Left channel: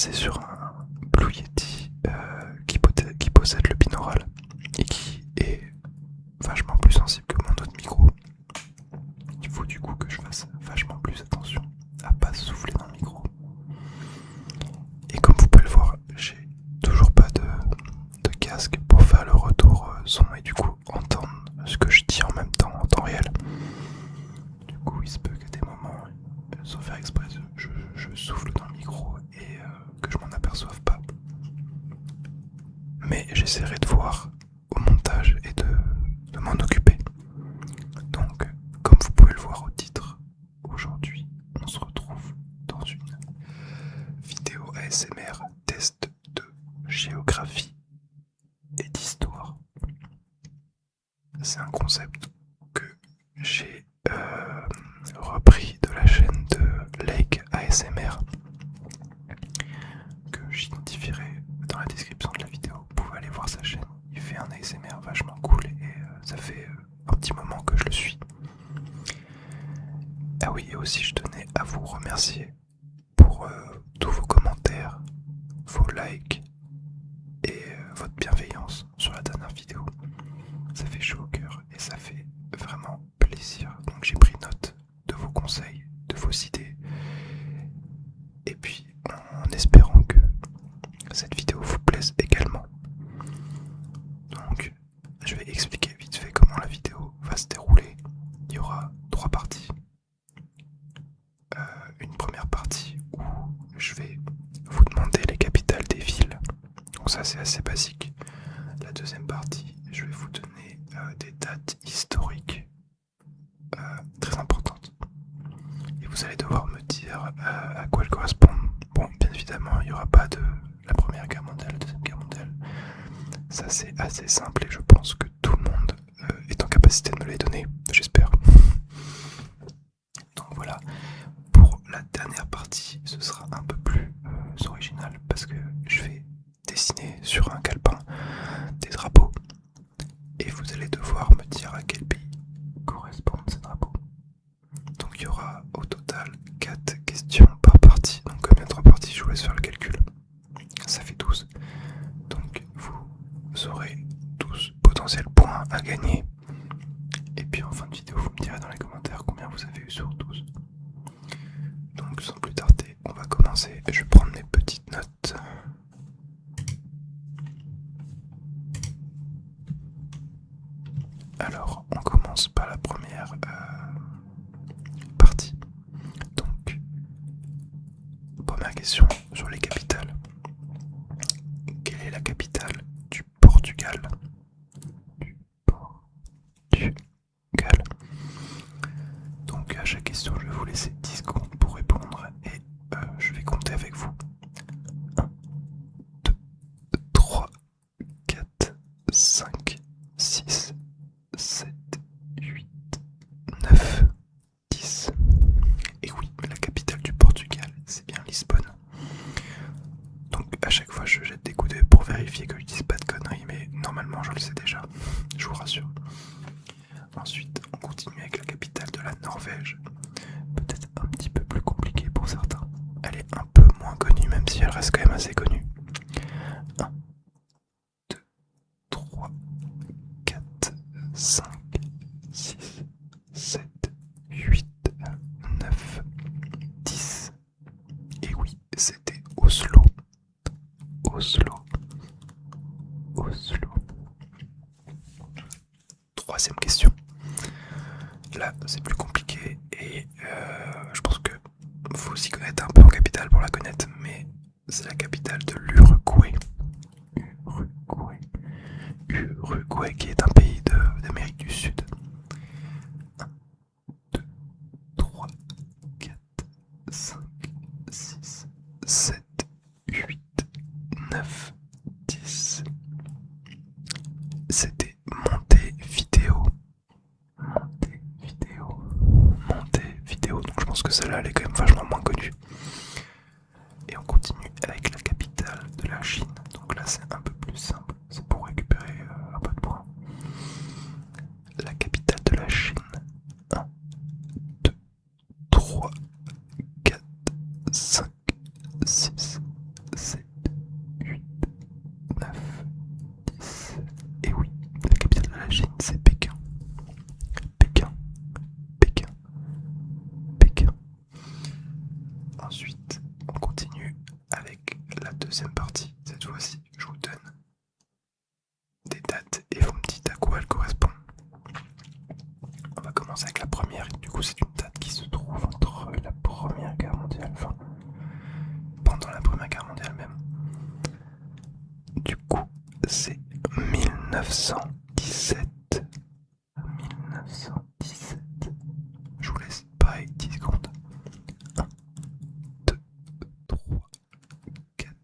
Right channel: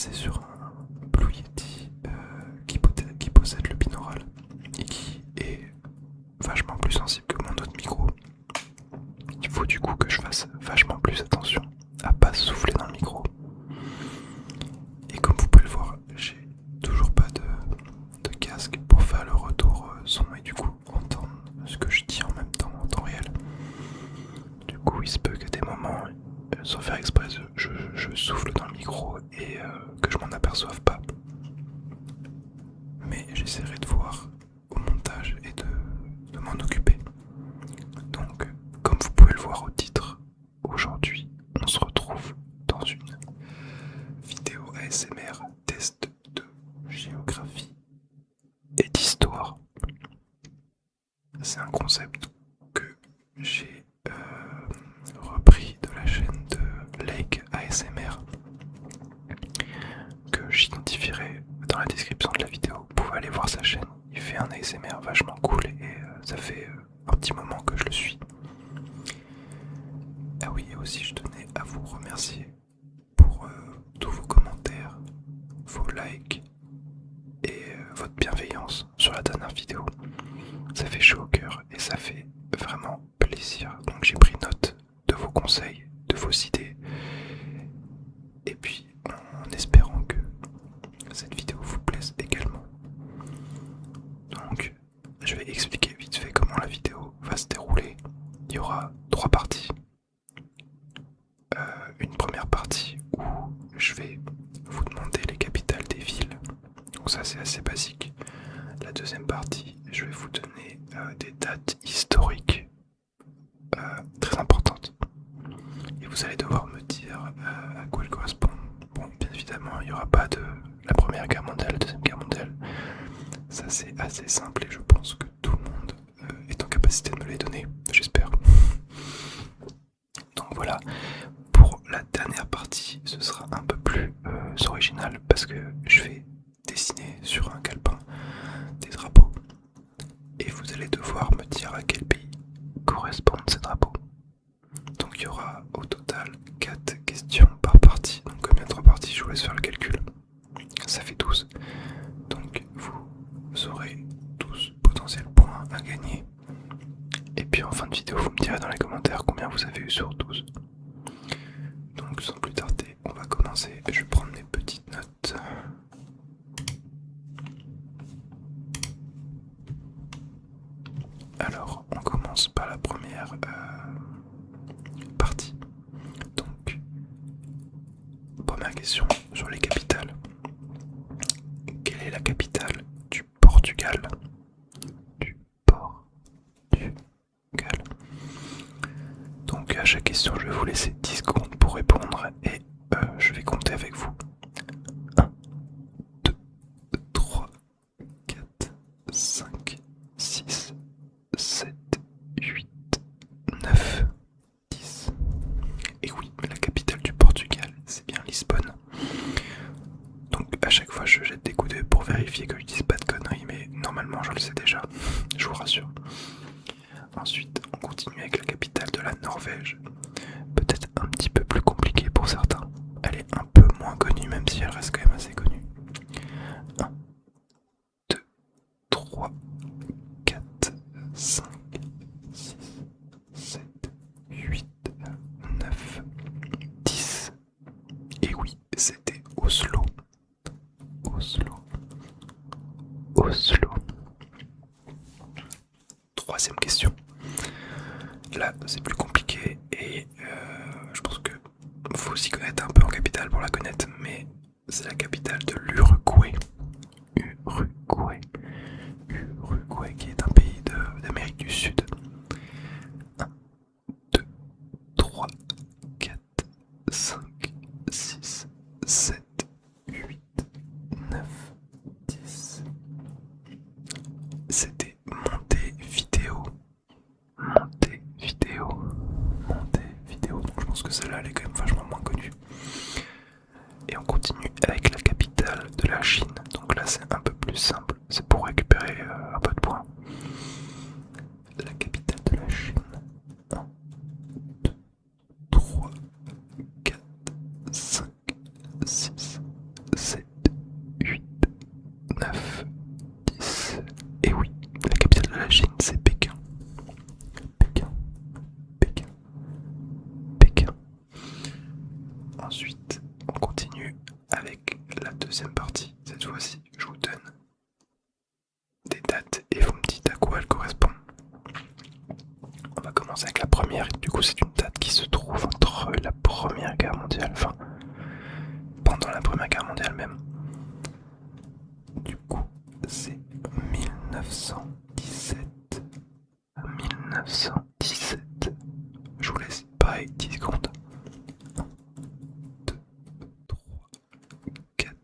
passer sur un Blue Yeti qui possède le binaural et qui est vachement plus sensible que mon autre micro. Il faut du coup que je fasse vachement plus attention à pas souffler dans le micro. Et comme vous pouvez le voir, j'ai toujours pas de casque pour faire le retour son et du coup entendre ce que je dis en même temps en temps réel. Du coup il se peut que des moments, sans faire exprès, je souffle dans le micro et que je m'en aperçoive pas. Mais j'essaierai de voir au montage et de m'en occuper. Donc, comme vous pouvez le voir au titre, aujourd'hui, on se retrouve dans une vidéo ASMR test de géographie et d'histoire. C'est un concept que j'ai repris de la chaîne de Lake ASMR que j'identifierai dans la description de la vidéo. Vous pouvez aller voir sa chaîne, il fait un ASMR vachement cool et ça fait un petit moment que je le suis. Ah oui, et aussi je tenais à vous remercier pour tous vos commentaires, vos likes et votre bienveillance sur la dernière vidéo. Ça fait chaud au cœur et ça fait vraiment plaisir. Donc j'ai pris note de vos conseils, de vos idées. Et puis en espérant que cette vidéo vous plaise également. Donc je vais expliquer vite fait comment la vidéo va se dérouler. Il y aura 3 parties. Une première partie où je vais vous demander les capitales des villes. Donc ça c'est assez basique. La deuxième partie, je vais vous donner des dates historiques très importantes. Et vous allez devoir me dire à quoi elles correspondent. Bon, bien évidemment, il n'y aura pas de la Première Guerre mondiale, la Deuxième Guerre mondiale. Ça c'est assez simple et je pense que tout le monde est en capacité de me les donner, j'espère. Donc voilà, pour la dernière partie, ce sera un peu plus original parce que je vais dessiner sur un calepin des drapeaux et vous allez devoir me dire à quel pays correspondent ces drapeaux. Donc il y aura au total 4 questions par partie. Donc comme il y a 3 parties, je vous laisse faire le calcul. Ça fait 12. Donc vous aurez 12 potentiels points à gagner. Et puis en fin de vidéo, vous me direz dans les commentaires combien vous avez eu sur 12. Donc sans plus tarder, on va commencer. Je vais prendre mes petites notes. Alors, on commence par la première partie. Donc, première question sur les capitales. Quelle est la capitale du Portugal? Du Portugal. Donc, à chaque question, je vais vous laisser 10 secondes pour répondre et je vais compter avec vous. 1, 2, 3, 4, 5, 6, 7, 8, 9, 10. Et oui, la capitale du Portugal, c'est bien Lisbonne. Donc à chaque fois je jette des coups d'œil pour vérifier que je dise pas de conneries, mais normalement je le sais déjà, je vous rassure. Ensuite, on continue avec la capitale de la Norvège. Peut-être un petit peu plus compliquée pour certains. Elle est un peu moins connue, même si elle reste quand même assez connue. 1, 2, 3, 4, 5, 6, 7, 8, 9, 10. Et oui, c'était Oslo. Oslo. Oslo. Troisième question. Là, c'est plus compliqué et je pense que faut s'y connaître un peu en capitale pour la connaître, mais c'est la capitale de l'Uruguay. Uruguay. Uruguay qui est un pays d'Amérique du Sud. 1, 2, 3, 4, 5, 6, 7, 8, 9, 10. C'était Montevideo. Montevideo. Donc je pense que celle-là elle est quand même vachement moins connue. Et on continue avec la capitale de la Chine. Donc là c'est un peu plus simple. C'est pour récupérer un peu de points. La capitale de la Chine. 1, 2, 3, 4, 5, 6, Ensuite, on continue avec la deuxième partie. Cette fois-ci, je vous donne des dates et vous me dites à quoi elles correspondent. On va commencer avec la première. Du coup, c'est une date qui se trouve entre la Première Guerre mondiale, enfin, pendant la Première Guerre mondiale même. Du coup, c'est 1917. 1917. Je vous laisse pareil 10 secondes. 1, 2, 3, 4,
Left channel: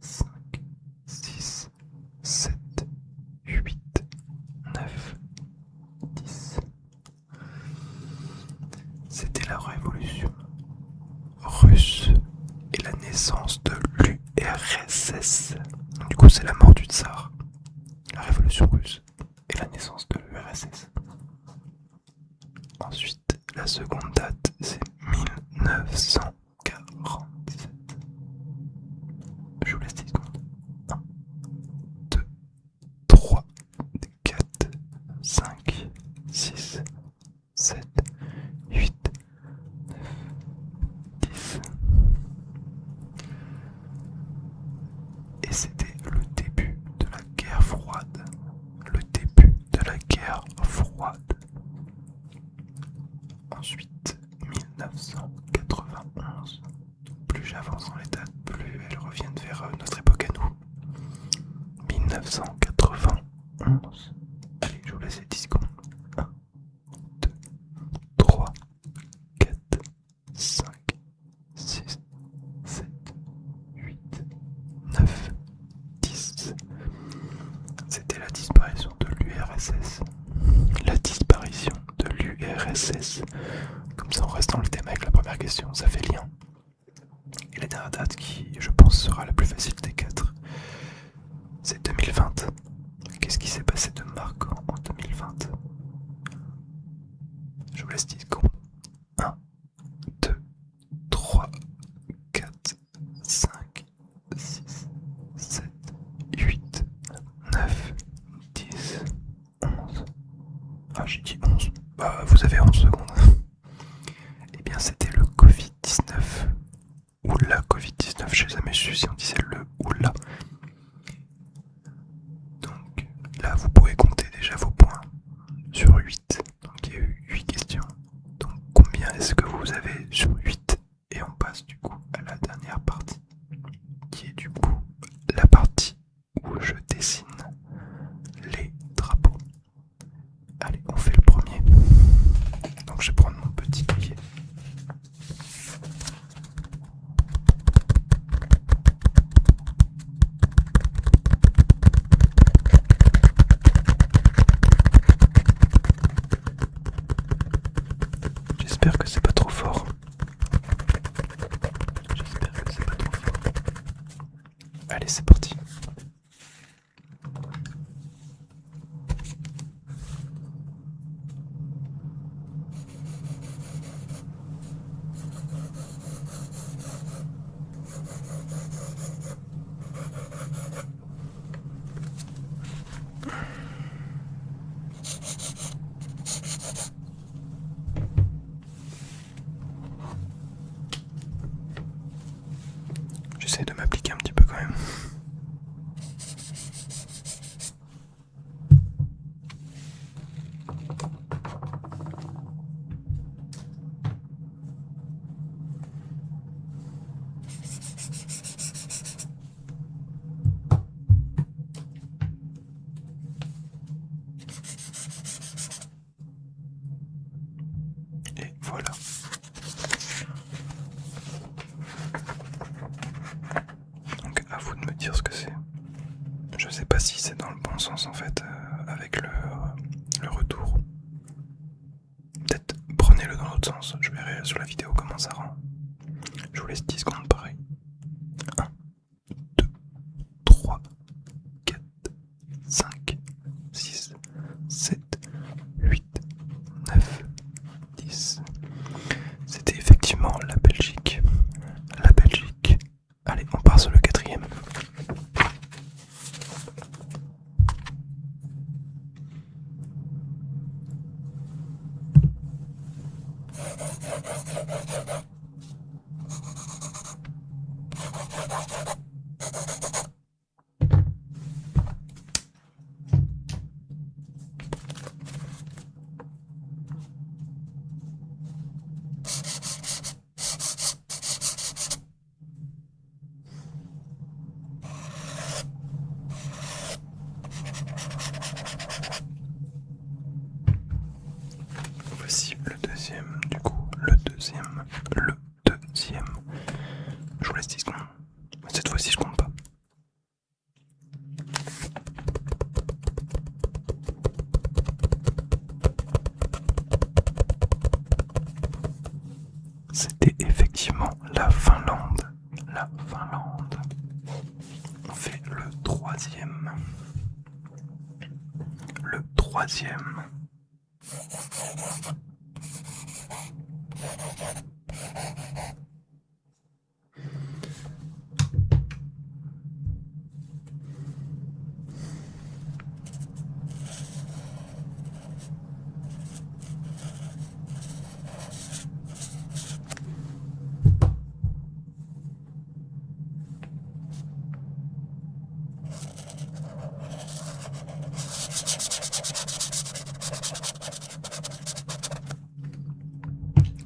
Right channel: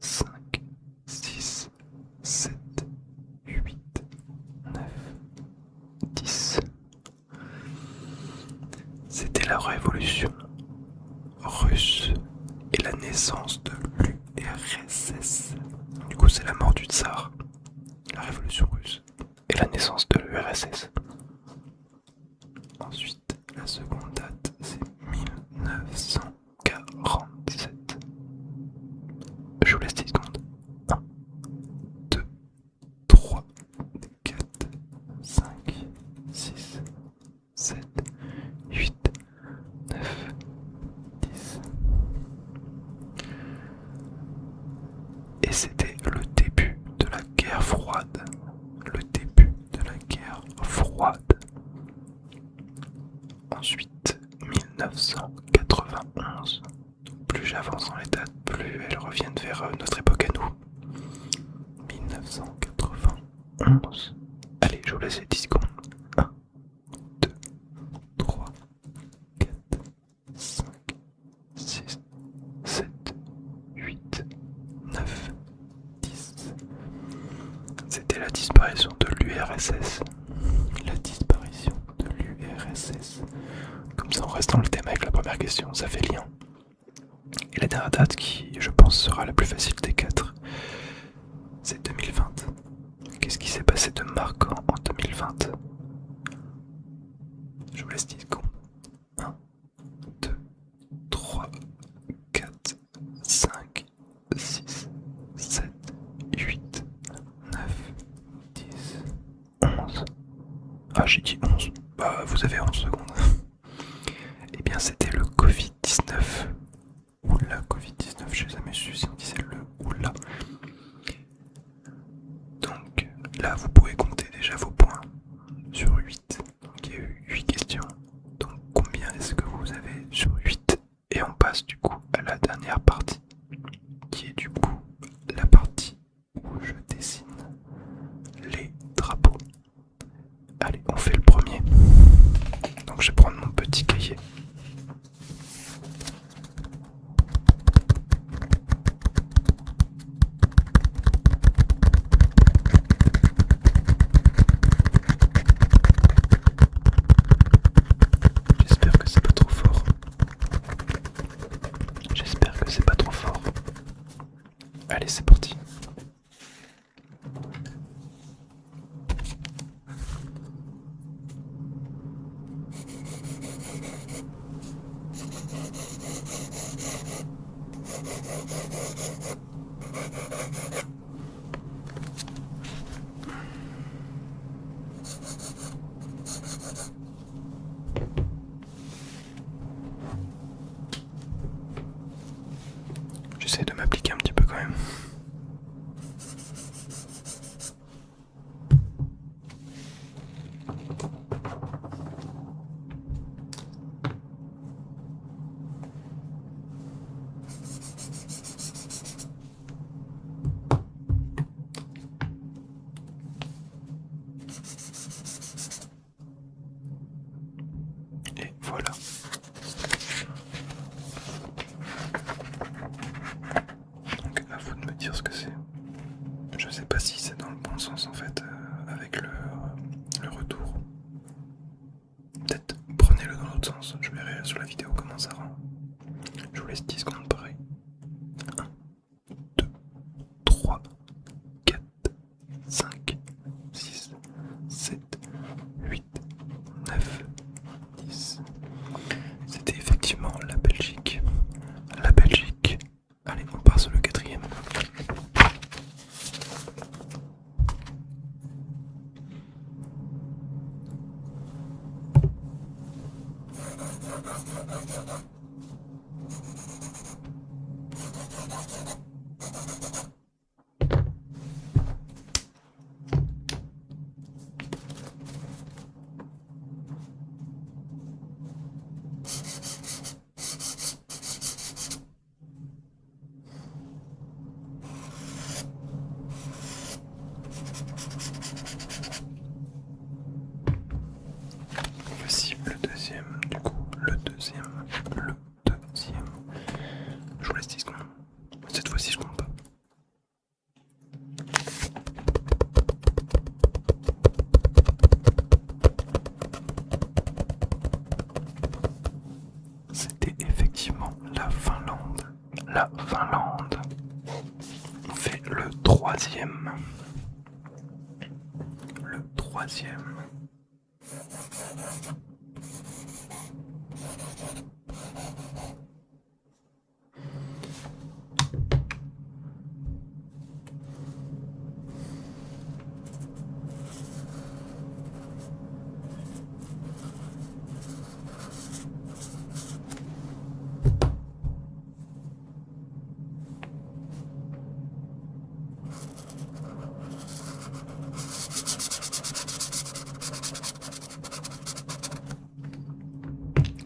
5, 6, 7, 8, 9, 10. C'était la révolution russe et la naissance de l'URSS. Du coup, c'est la mort du tsar, la révolution russe et la naissance de l'URSS. Ensuite, la seconde date, c'est 1947. Je vous laisse 10 secondes. 1, 2, 3, 4, 5, 6, 7, 8, 9, 10. Et c'était le début de la guerre froide. Le début de la guerre froide. Ensuite, 1991. Plus j'avance dans les dates, plus elles reviennent vers notre époque à nous. 1991. Allez, je vous laisse les 10 secondes. 1, 2, 3, 4, 5, 6, 7, 8, 9, 10. C'était la disparition de l'URSS. La disparition de l'URSS. Comme ça, on reste dans le thème avec la première question, ça fait lien. Et la dernière date qui, je pense, sera la plus facile des 4, c'est 2020. Qu'est-ce qui s'est passé de marquant en 2020? Je vous laisse 10 secondes. 1, 2, 3, 4, 5, 6, 7, 8, 9, 10, 11. Ah, j'ai dit 11. Bah, vous avez 11 secondes. Eh bien, c'était le Covid-19. Ou la Covid-19, je n'ai jamais su si on disait le ou la. Donc là, vous pouvez compter déjà vos points sur 8. Donc il y a eu 8 questions. Donc combien est-ce que vous avez sur 8? Et on passe du coup à la dernière partie, qui est du coup la partie où je dessine les drapeaux. Allez, on fait le premier. Donc je vais prendre mon petit cahier. J'espère que c'est pas trop fort. J'espère que c'est pas trop fort. Allez, c'est parti. J'essaie de m'appliquer un petit peu quand même. c'était effectivement la Finlande. La Finlande. On fait le troisième. Le troisième.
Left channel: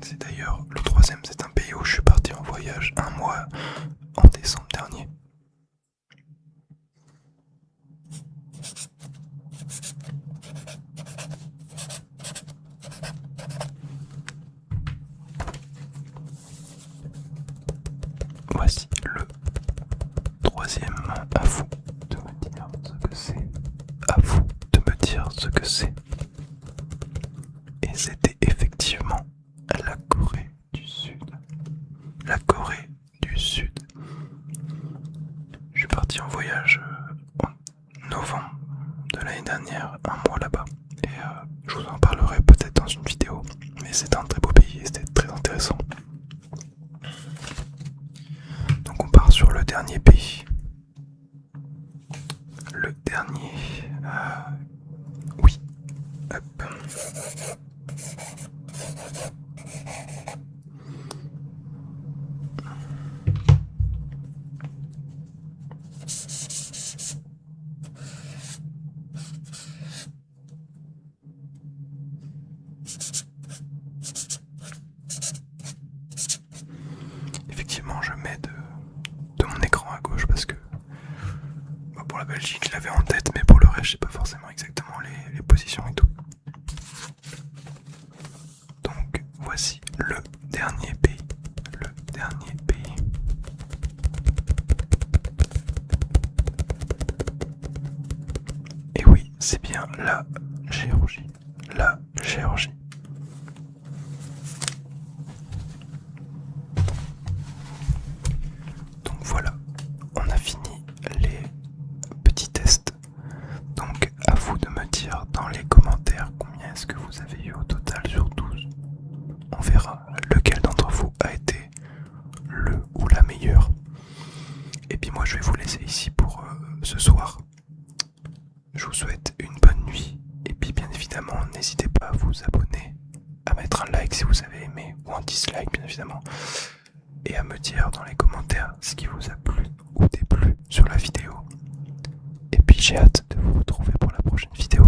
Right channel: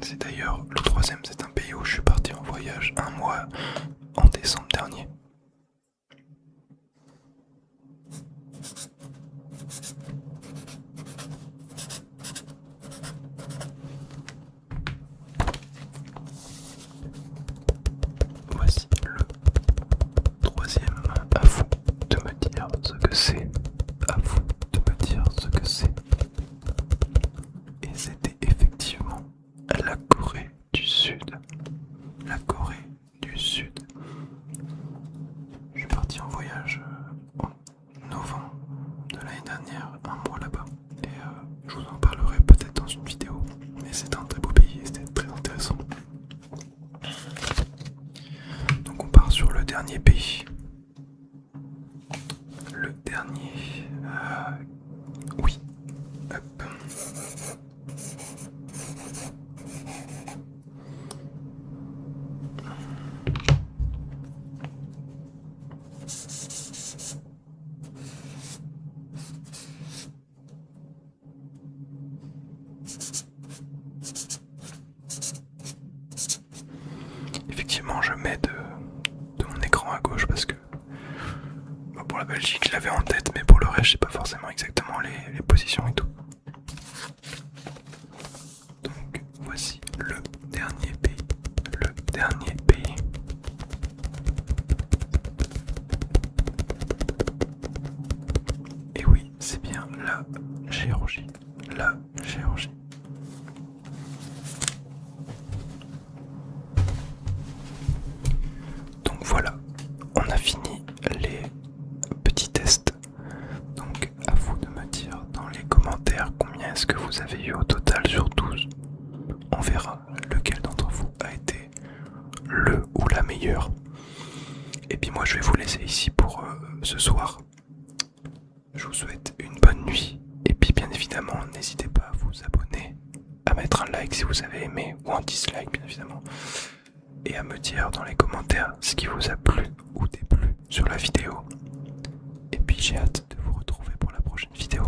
C'est d'ailleurs le troisième, c'est un pays où je suis parti en voyage un mois en décembre dernier. Voici le troisième. À vous de me dire ce que c'est. À vous de me dire ce que c'est. Et c'était effectivement la Corée du Sud. La Corée du Sud. Je suis parti en voyage en novembre de l'année dernière, un mois là-bas. Et je vous en parlerai peut-être dans une vidéo. Mais c'est un très beau pays et c'était très intéressant. Donc on part sur le dernier pays. Le dernier... oui. Hop. Effectivement, je mets de mon écran à gauche parce que pour la Belgique, je l'avais en tête, mais pour le reste, je sais pas forcément exactement les positions et tout. Donc, voici le dernier pays. Le dernier pays. Et oui, c'est bien la Géorgie. La Géorgie. Donc voilà, on a fini les petits tests. Donc à vous de me dire dans les commentaires combien est-ce que vous avez eu au total sur 12. On verra lequel d'entre vous a été le ou la meilleure. Et puis moi je vais vous laisser ici pour ce soir. Je vous souhaite une bonne nuit. Et puis bien évidemment n'hésitez pas à vous abonner, à mettre un like si vous avez aimé ou un dislike bien évidemment. Et à me dire dans les commentaires ce qui vous a plu ou déplu sur la vidéo. Et puis j'ai hâte de vous retrouver pour la prochaine vidéo.